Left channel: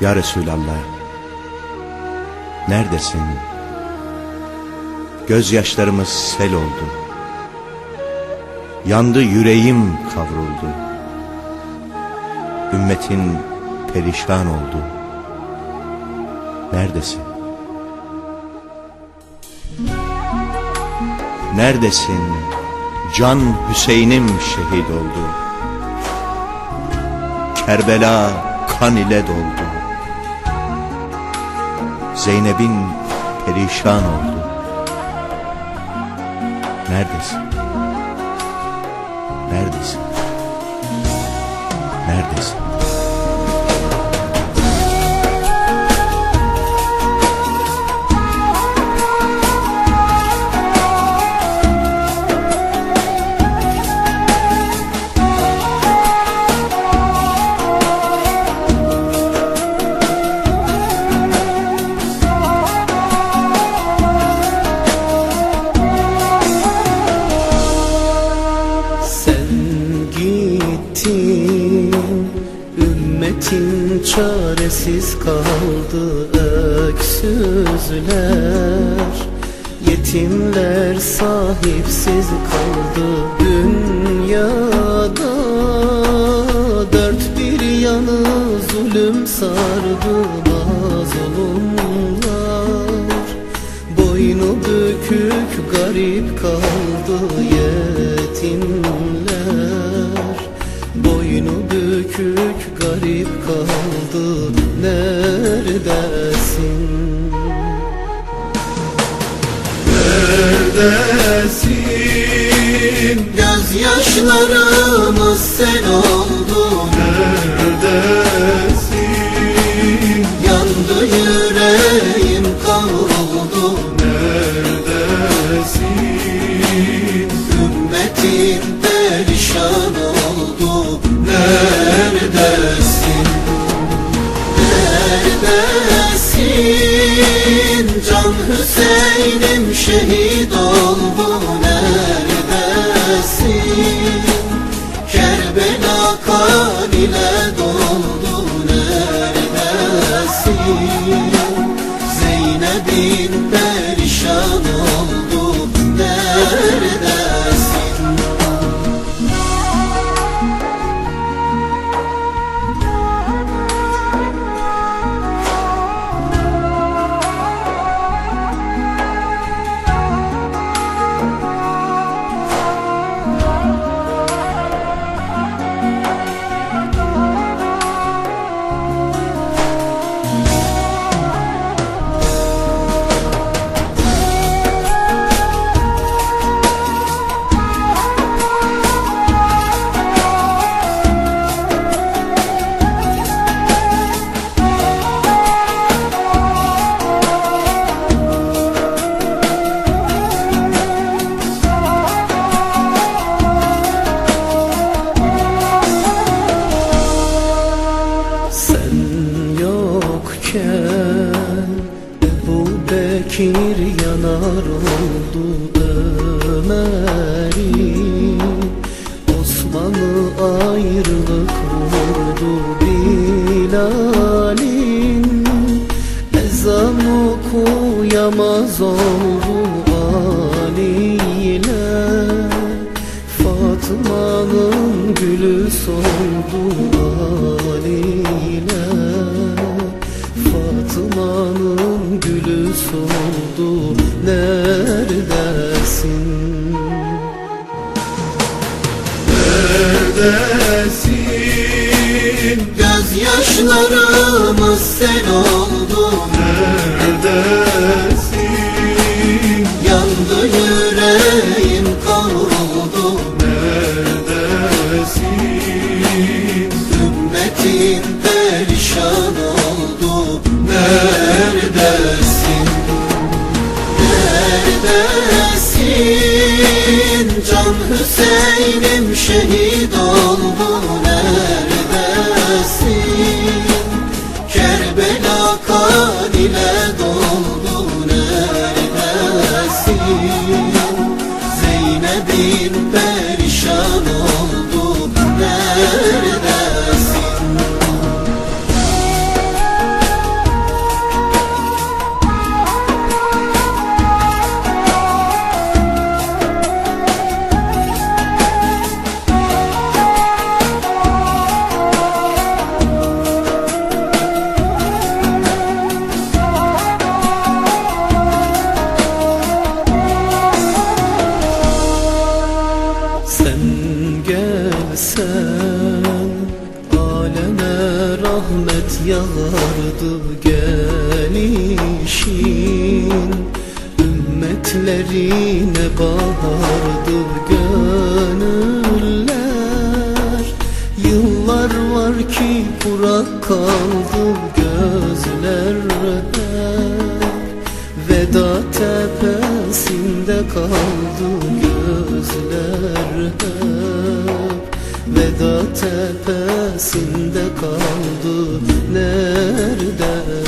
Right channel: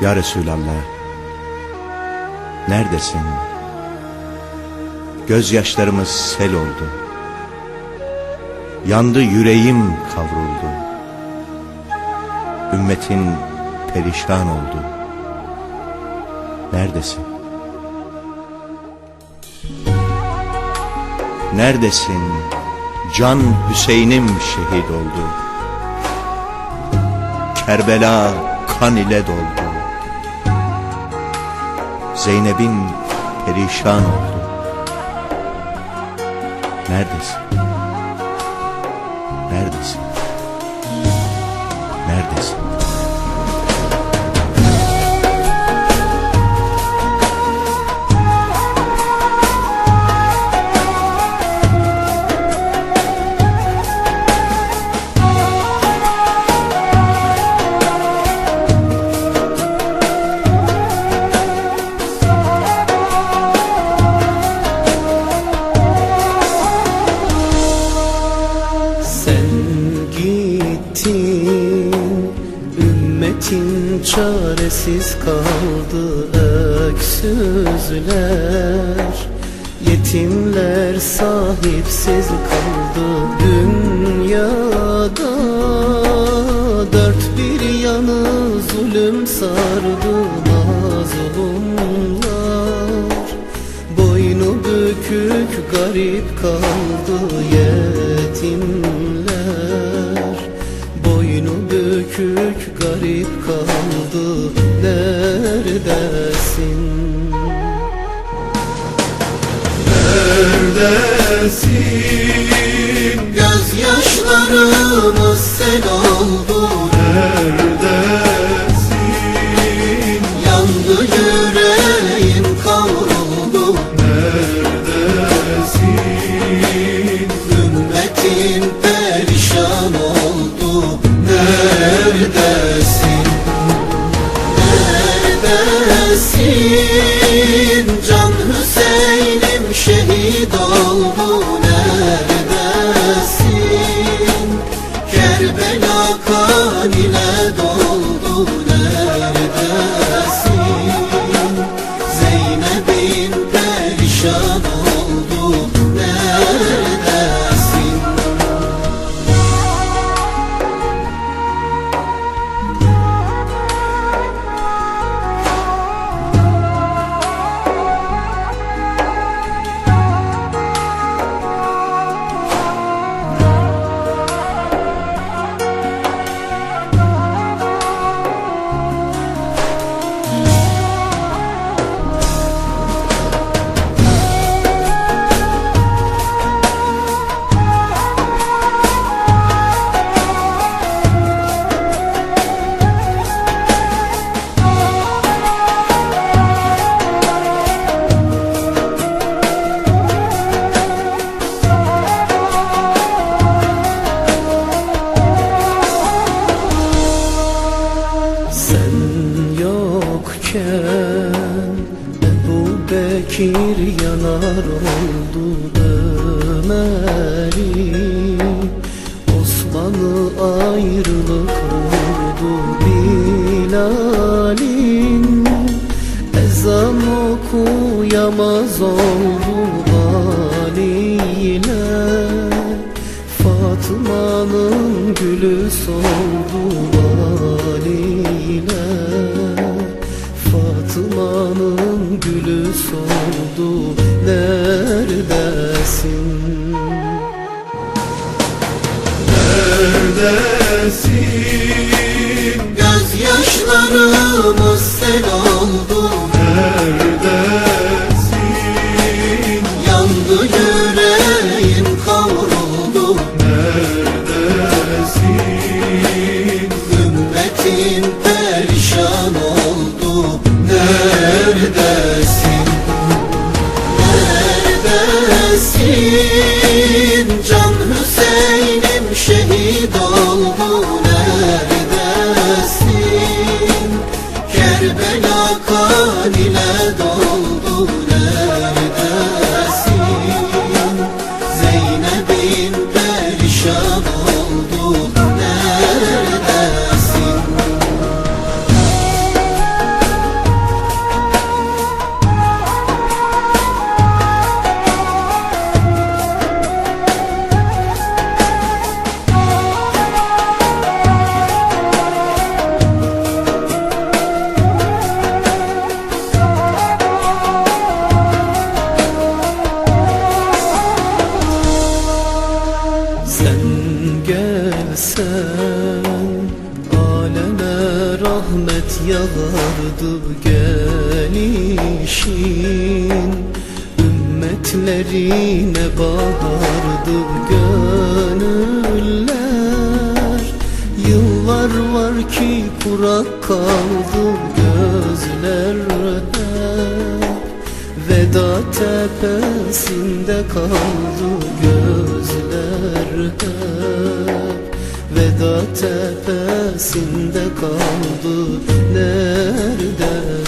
Ya Resulallah, neredesin? Gözyaşlarımız sel oldu. Yandı yüreğim kavruldu. Ümmetin perişan oldu. Neredesin? Neredesin? Can Hüseyin'im şehit oldu. Kerbela kan ile doldu. Zeynep'in perişan oldu. Neredesin? Neredesin? Neredesin? Ümmetin çaresiz kaldı öksüzler. Yetimler sahipsiz kaldı dünyada. Dört bir yanı zulüm sardı mazlumlar Boynu bükük garip kaldı yetimler bükük garip kaldı neredesin? Neredesin? Gözyaşlarımız sel oldu Neredesin? Bekir yanar oldu Ömer'i Osman'ı ayrılık vurdu Bilal'in. Ezan okuyamaz oldu Ali ile Fatıma'nın gülü soldu Ali'yle Fatıma'nın gülü soldu Neredesin? Neredesin? Gözyaşlarımız sel oldu Hüseyin'im yağardı gelişin Ümmetlerine bahardı gönüller. Yıllar var ki kurak kaldı gözler Veda tepesinde kaldı gözler hep Veda tepesinde kaldı neredesin?